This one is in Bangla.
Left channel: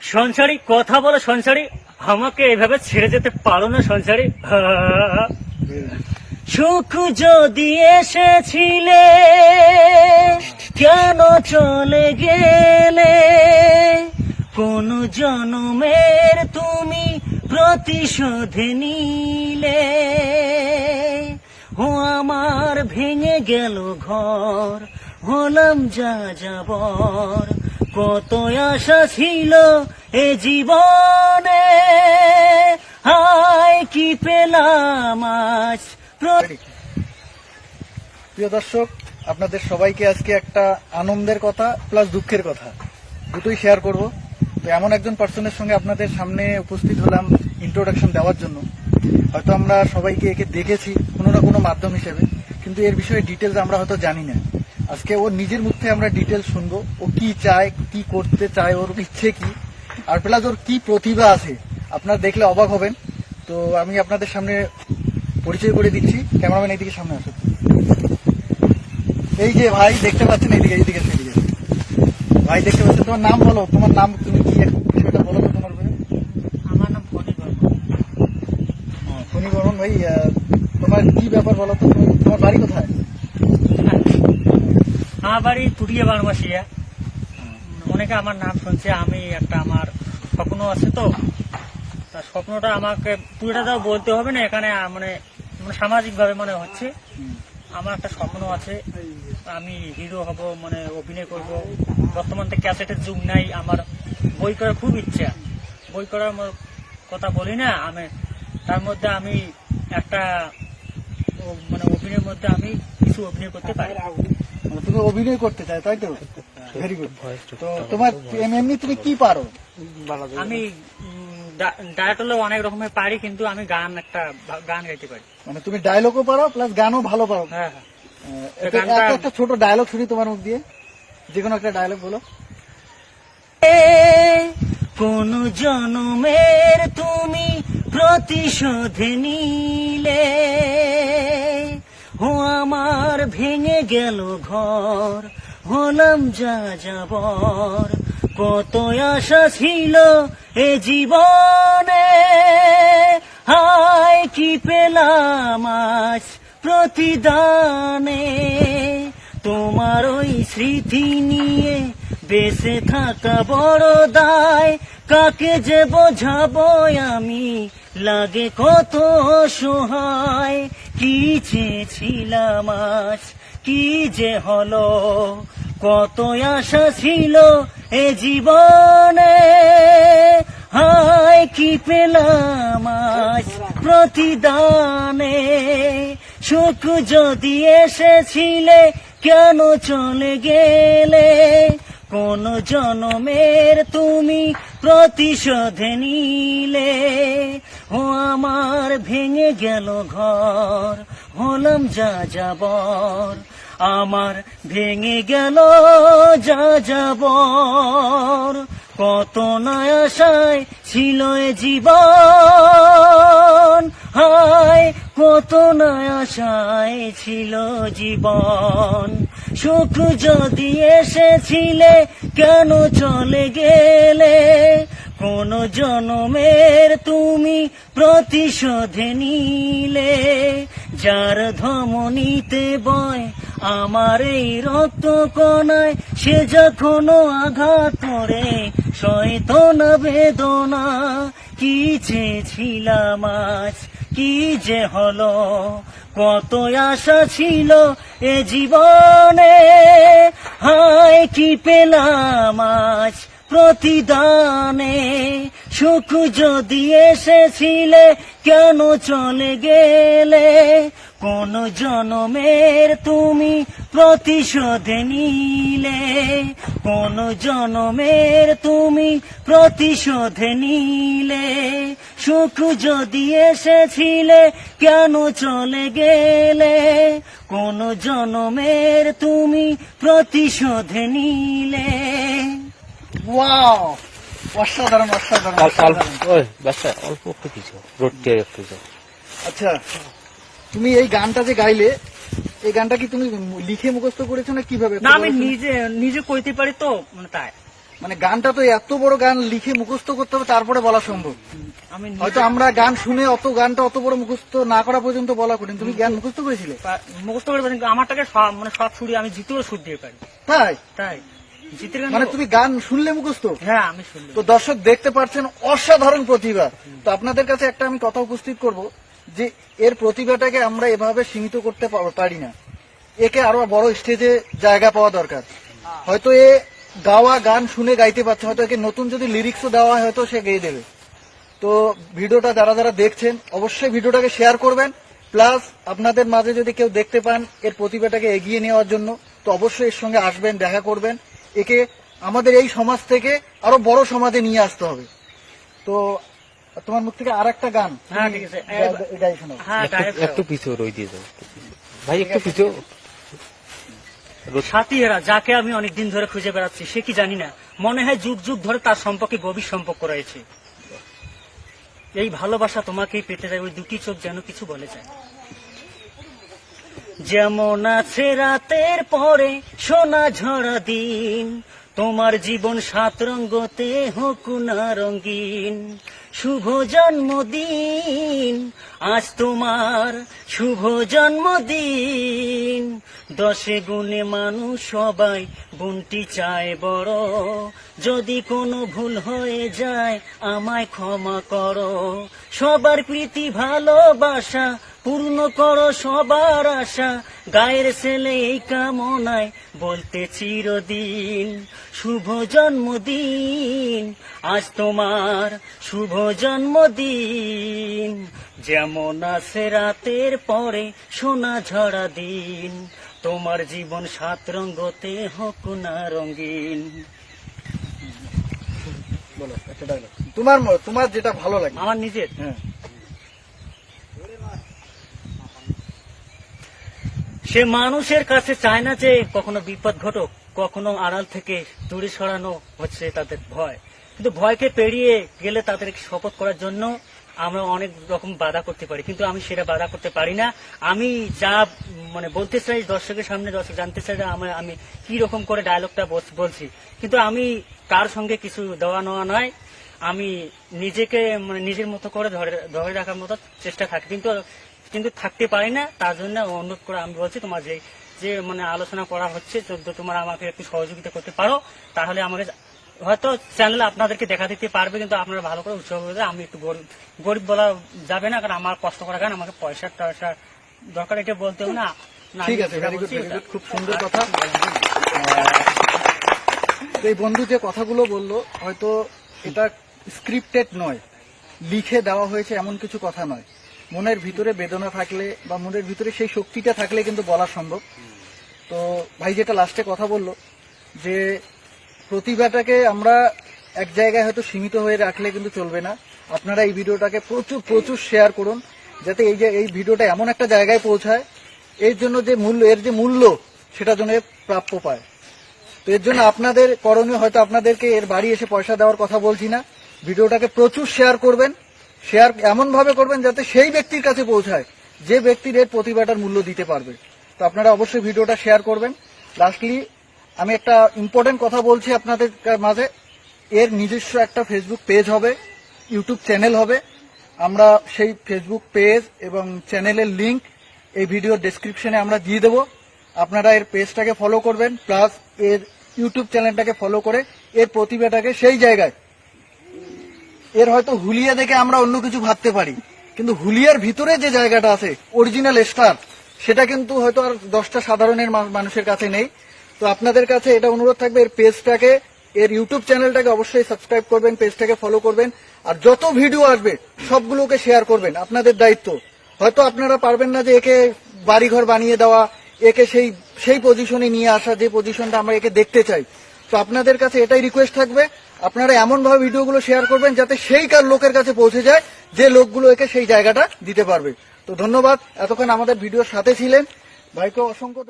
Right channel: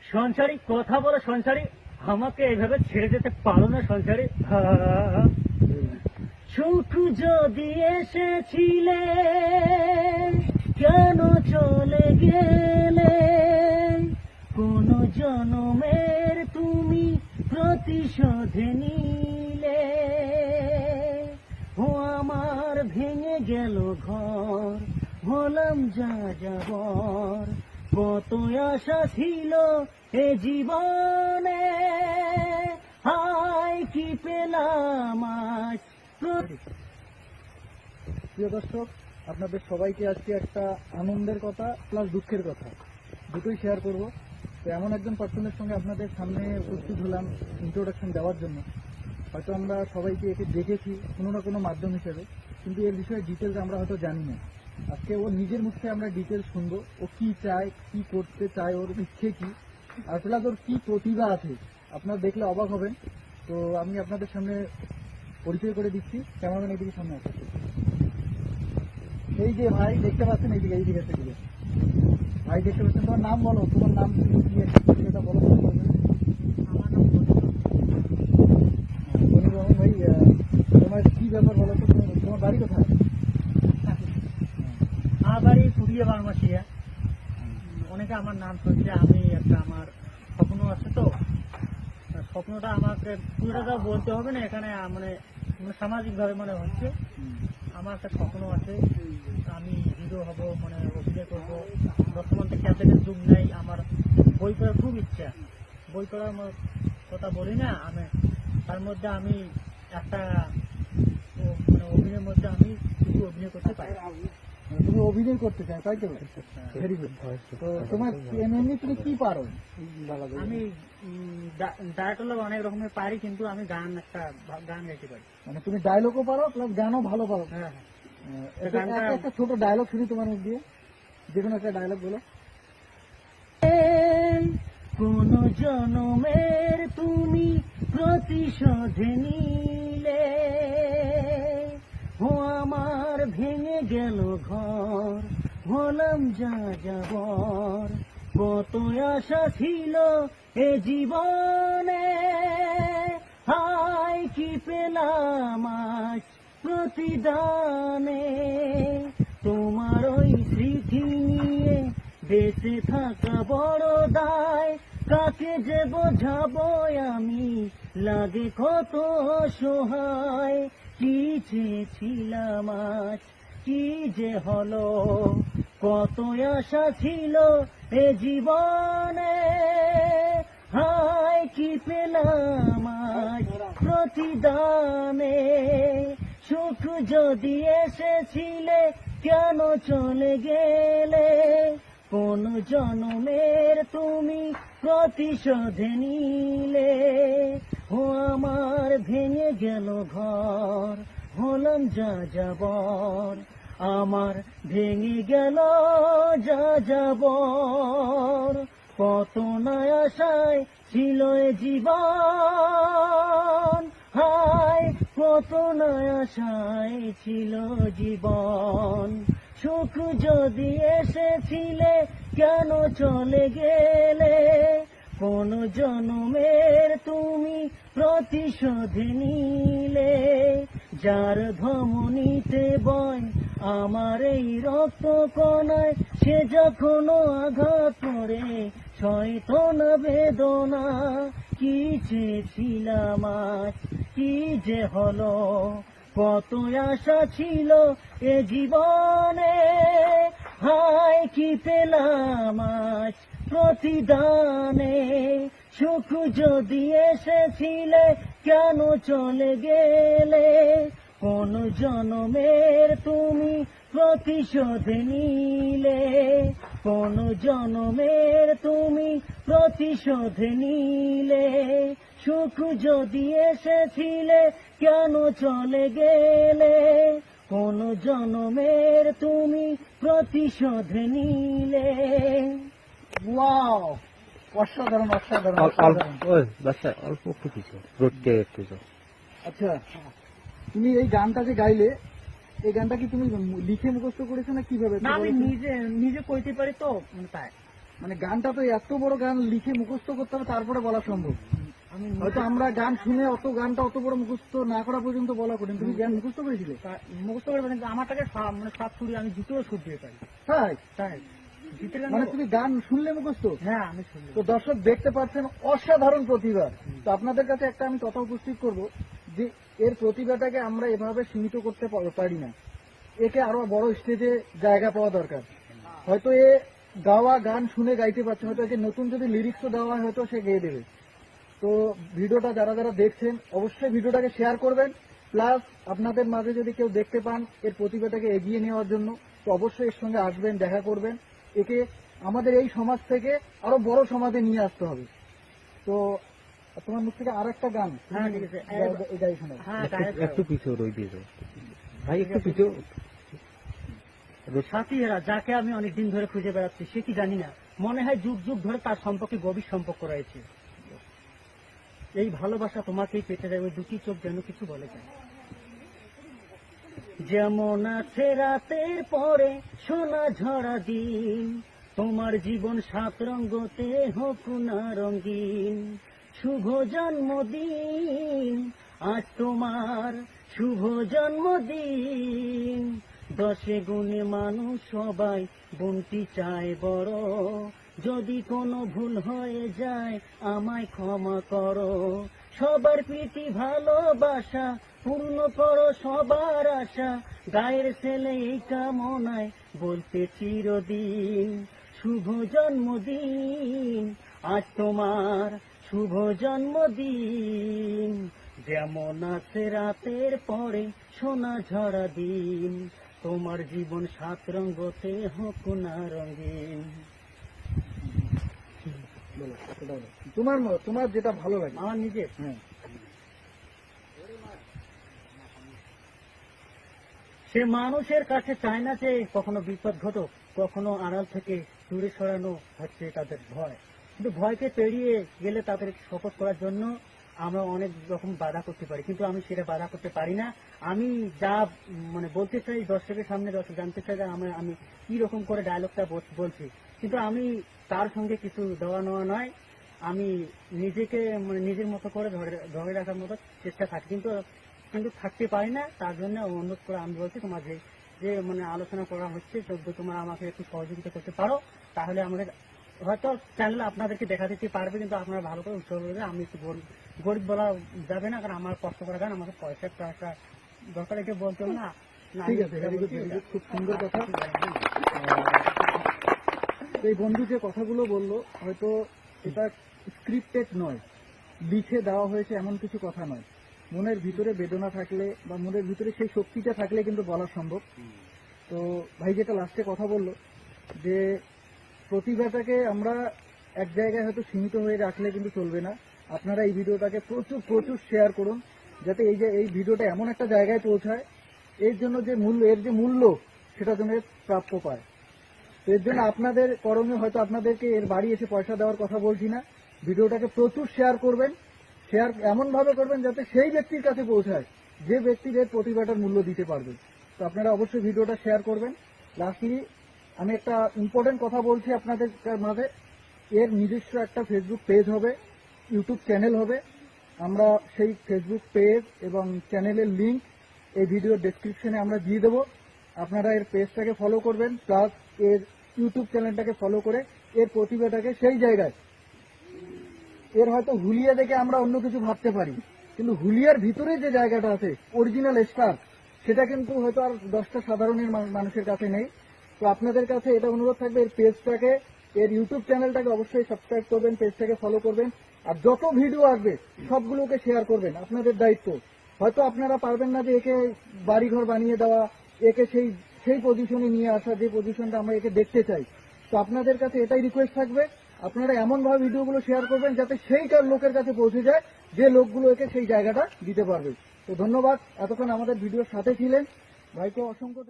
সংসারী কথা বলো সংসারী, আমাকে এভাবে ছেড়ে যেতে পারো না সংসারী। সুখ যদি এসেছিলে কেন চলে গেলে, কোন জনমের তুমি প্রতিশোধ নিলে। ও আমার ভেঙে গেল ঘর, হলাম যা যাবর, কত আশা ছিল এ জীবনে, হায় কি পেলাম আজ। প্রিয় দর্শক, আপনাদের সবাইকে আজকে একটা আনন্দের কথা প্লাস দুঃখের কথা দুটোই শেয়ার করব। তো এমন একজন পার্সনের সঙ্গে আপনাদের সামনে উপস্থিত হলাম ইন্ট্রোডাকশন দেওয়ার জন্য। হয়তো আমরা সবাইকে একে দেখেছি কোনো না কোনো মাধ্যম হিসেবে, কিন্তু এর বিষয়ে ডিটেলস আমরা হয়তো জানি না। আজকে ওর নিজের মুখ থেকে আমরা ডিটেলস শুনবো, ও কি চায়, কি করতে চায়, ওর ইচ্ছে কি, আর প্লাস ওর কি প্রতিভা আছে আপনারা দেখলে অবাক হবেন। তো আমি আপনাদের সামনে পরিচয় করে দিচ্ছি। ক্যামেরাম্যান এইদিকে সামনে আসুন। এই যে ভাই দেখতে পাচ্ছেন, এইদিকে এইদিকে সেইদিকে ভাই দেখতে পাচ্ছেন। তোমার নাম বলো, তোমার নাম, তুমি কি একটা বিষয়টা বলো তো তোমার ব্যাপারে। আমার নাম ফণি বর্মন। ফণি বর্মন ভাই, তোমার কি ব্যাপার বলো তো, তোমার বাড়ি কোথায়? আমার বাড়ি পুরিয়া বারমাসিয়া। অনেকে আমার নাম শুনছে। আমি একটা, আমার স্বপ্ন আছে, তো তার স্বপ্নটা আমাকে পুরোটা বলতে হবে না এখানে, মানে সামাজিক ভাবে মনে হচ্ছে। আমার একটা স্বপ্ন আছে, আমি হিরো হব, মানে অভিনয় করব। বর্তমান তো ক্যাসেটের যুগ নাই, আমার বই করার খুব ইচ্ছা। বই করার কথা বলি না আমি, তার মধ্যে আমি একটা মানে অভিনয়ের মধ্যে আমি কিছু অভিনয় করতে পারি। তুমি অভিনয় করতে চাই, তাই তো? Very good. তো তোমার এমনি তুমি কি পারো? আমি ডায়েট হলে অনেক রকমের পারি, কিন্তু আমি গান গাইতে পারি। মানে তুমি ডায়লগও পারো প্লাস গানও ভালো পারো। হ্যাঁ হ্যাঁ। একটা ছোট ডায়লগ শুনি তোমার মুখ দিয়ে, যে কোনো একটা ডায়লগ বলো। কোন জনমের তুমি প্রতিশোধ নিলে, ও আমার ভেঙে গেল ঘর, হলাম যা যাবর, কত আশা ছিল এ জীবনে, হায় কি পেলাম আজ প্রতিদানে। তোমার ওই স্মৃতি নিয়ে বেঁচে থাকা বড় দায়, কাকে যে বোঝাবো আমি, লাগে কত অসহায়। কি চেয়েছিলাম আজ, কি যে হলো, কত আশা ছিল এ জীবনে, হায় কি পেলাম আজ প্রতিদানে। সুখ যদি এসেছিলে কেন চলে গেলে, কোন জনমের তুমি প্রতিশোধ নিলে। ও আমার ভেঙে গেল ঘর, হলাম যা যাবর, আমার ভেঙে গেল যা যাবর, কত না আশায় ছিল এ জীবন, হায় কত না আশায় ছিল জীবন। সুখ যদি এসেছিলে কেন চলে গেলে, কোন জনমের তুমি প্রতিশোধ নিলে। যার ধমনীতে বয় আমার এই রক্ত কণায়, সে যখনো আঘাত করে সইত না বেদনা। কি চেয়েছিলাম আজ, কি যে হলো, কত আশা ছিল এ জীবনে, হায় কি পেলাম আজ প্রতিদানে। সুখ যদি এসেছিলে কেন চলে গেলে, কোন জনমের তুমি প্রতিশোধ নিলে, কোন জনমের তুমি প্রতিশোধ নিলে। সুখ যদি এসেছিলে কেন চলে গেলে, কোন জনমের তুমি প্রতিশোধ নিলে। ওয়াও, অসাধারণ অসাধারণ অসাধারণ। অল্প একটু কিছু রোডটি একটু। আচ্ছা, তুমি এই গানটা যে গাইলে, এই গানটা কি তুমি লিখে মুখস্থ করেছো না কিভাবে? না, আমি নিজে কইতে পারি, তো মানে তাই। মানে গানটা তো এত বড় গান লিখে মুখস্থ করতে হবে তারপরে বলা সম্ভব। আমি হয়তো আমরা গান শুনে গানটা অত বড় মুখস্থ না করা পর্যন্ত বলা কঠিন, তুমি গান মুখস্থ করেছিলে? মুখস্থ করে পারি, কিন্তু আমারটাকে মানে সব সুরে আমি জিতেও সুর দিয়ে পারি। তাই? তাই জিতের গান মানে তুমি গান শুনলে মুখস্থ? হ্যাঁ আমি শুনলাম। তো দর্শক দেখতে পাচ্ছেন অসাধারণ প্রতিভা। তো আপনাদের কাছে একটা আমি কথা উপস্থিত করব যে এর প্রতিভাটাকে আমরা এভাবে সীমিত করতে পারি না, একে আরো বড় স্টেজে জায়গা পাওয়া দরকার। হয়তো এ গাওয়া গান শুনে গাইতে পারছে, হয়তো একে নতুন যদি লিরিক্সও দেওয়া হয় হয়তো সে গেয়ে দেবে। তো ভিডিওটা যারা যারা দেখছেন অবশ্যই ভিডিওটাকে শেয়ার করবেন, প্লাস আপনাদের মাঝে যদি কেউ দেখতে পান এর প্রতিভাটাকে এগিয়ে নেওয়ার জন্য তো অবশ্যই এর সঙ্গে আসবেন, দেখা করবেন। একে আমাদের এই সমাজ থেকে আরো বড় সমাজে নিয়ে আসতে হবে। তো তোমার মুখ থেকে আর একটা গান হ্যাঁ, ঠিক আছে। গাই শোনাও। হ্যাঁ একটু পিছু রই দিয়ে যাও ভাই, একটু পিছু। সাথীরা যাকে আমি অনেকদিন ধরে খুঁজে বেড়াচ্ছি, সে কি জানি না, মনে হয় যুগ যুগ ধরে তার সম্পর্কে গভীর সম্পর্ক রয়েছে। এই ভালোবাসা তোমাকেই পেতে যায়, ওই দুটি চোখ যেন কিছু বলে যায়। যেমন আছে রাতের পরে সোনা ঝরা দিন, তোমার জীবন সাত রঙ্গতে হোক না রঙিন। শুভ জন্মদিন আজ তোমার, শুভ জন্মদিন। দশে গুণে মানুষ সবাই বোনটি চায় বড়, যদি কোনো ভুল হয়ে যায় আমায় ক্ষমা করো। সবার প্রীতি ভালোবাসা পূর্ণ করো সবার আশা, গায়ের ছেলে এই কামনায় বলতে চিরদিন। শুভ জন্মদিন আজ তোমার, শুভ জন্মদিন। যেমন আছে রাতের পরে সোনা ঝরা দিন, তোমার জীবন সাত রঙ্গতে হোক না রঙিন। বলো একটা ডায়লগ তোমার যেটা ভালো লাগে। আমার নিজের হ্যাঁ। সে মানুষের কাছে চায় না যে কখনো বিপদ ঘটুক, কখনো আড়াল থেকে দূরে সরানো হচ্ছে তাদের ভয়। কিন্তু ভয়কে পেরিয়ে গেলে তাদের শপথ করার জন্য আমরা অনেক রকম বাধা করতে পারি, কিন্তু আমি সেটা বাধা করতে পারি না। আমি যা মানে বলতে চাই দর্শকের সামনে, দর্শক জানতে চাই যে আমি কি রকম করে ডায়লগটা বলছি, কিন্তু আমি কার সঙ্গে কিছু দেওয়া নেওয়া নয়। আমি নিজেকে মানে নিজের মতো করে ধরে রাখার মতো চেষ্টা থাকি, কিন্তু থাকতে পারি না। তার জন্য অনুরোধ করে আমি বলছি, তোমার যে মানে আলোচনা করা হচ্ছে, যদি তোমরা আমাকে একটু সহযোগিতা করতে পারো তাহলে আমাকে হয়তো চ্যানেলে আপনাদেরকে দেখা দিতে পারবে, কিন্তু আপনারা ভালো করে উৎসাহ করে। আমি একটু গরিব বলা যাবে না, কারণ আমার কষ্ট করা গান, আমাকে পয়সা টয়সা দরকার, এটা বলতে হবে না। ঠিক আছে, ভেরি গুড, খুব সুন্দর কথা। এই বন্ধু যে কথাগুলো বললো হয়তো এটা স্ক্রিপ্টেড নয়, লিখে দেওয়া হয়েছে এমন কিছু কথা নয়। মনের ভিতরে বেদনা থাকলে বা মনের ভিতরে সেই শক্তিটা থাকলে কিন্তু বলা সম্ভব। তো ভাই যেটা লাস্টে কথা বললো যে প্রতিভাটাকে আমরা এক জায়গায় হয়তো সীমিত হয়ে রাখলে কিন্তু চলবে না। আপনারা এই ভিডিওটাকে প্রচুর প্রচুর শেয়ার করুন, যাতে এই ভিডিওটা এমন একটা জায়গায় পৌঁছায় এর জন্য যে মূল্য সেটা যেন প্রাপ্য পায়। তো এর জন্য আপনাদের করণীয়, হয়তো আপনাদেরকে এর বাড়ি এসে পয়সা দেওয়ার কথা বলছি না, ভিডিওটাকে প্রচুর শেয়ার করবেন। শেয়ার এমন ভাবে করবেন যাতে সেই ব্যক্তির কাছে পৌঁছায় যে ব্যক্তির এর প্রতিভাটার মূল্য দিতে পারবে। তো আপনারা অবশ্যই ভিডিওটা শেয়ার করবেন। লাস্টলি আমি একটা ইম্পর্টেন্ট কথা বলছি আপনাদের মাঝে, এর নিজস্ব একটা ফেসবুক পেজ হবে, ইউটিউব চ্যানেল হবে। আমরা সেই ফেসবুক পেজ এবং চ্যানেলের লিংক এই ভিডিওর ডেসক্রিপশনে আমরা দিয়ে দেবো। আপনারা এর পেজটাকে ফলো করবেন, প্লাস এর ইউটিউব চ্যানেলটাকে ফলো করে এর প্রতিভাটাকে সেই জায়গায়, এর হয়তো হুলিয়া দেখে আমরা অন্য কিছু ভাবতে পারি, কিন্তু হুলিয়ার ভিতরে যে জায়গাটা আছে অরিজিনাল স্টার, সেটা কিন্তু হয়তো আর 10টা সাধারণের মানুষের কাছে নেই। তো আপনাদের কাছে এটা অনুরোধ থাকবে, এর পেজটাকে, এর ইউটিউব চ্যানেলটাকে অবশ্যই সাবস্ক্রাইব করবেন, পেজটাকে ফলো করবেন, আর যত ভিডিও আসবে সবগুলোকে শেয়ার করবেন। আপনাদের দায়িত্ব। হয়তো আপনারা পারবেন না যে একে বাড়িঘর বানিয়ে দেওয়া, একে সেই পজিশনে নিয়ে আসা যে পজিশনটা আমরা একে দেখতে চাই। তো আপনাদের কাছে এটাই রিকোয়েস্ট থাকবে, আপনারা এমন ভাবে ভিডিওগুলো শেয়ার করবেন যাতে সেই লোকের কাছে পৌঁছে যায় যে লোকগুলো একে সেই জায়গাটা দিতে পারবে। তো ধন্যবাদ, এতক্ষণ আমাদের ভিডিওর সাথে ছিলেন। ভাইকে অসংখ্য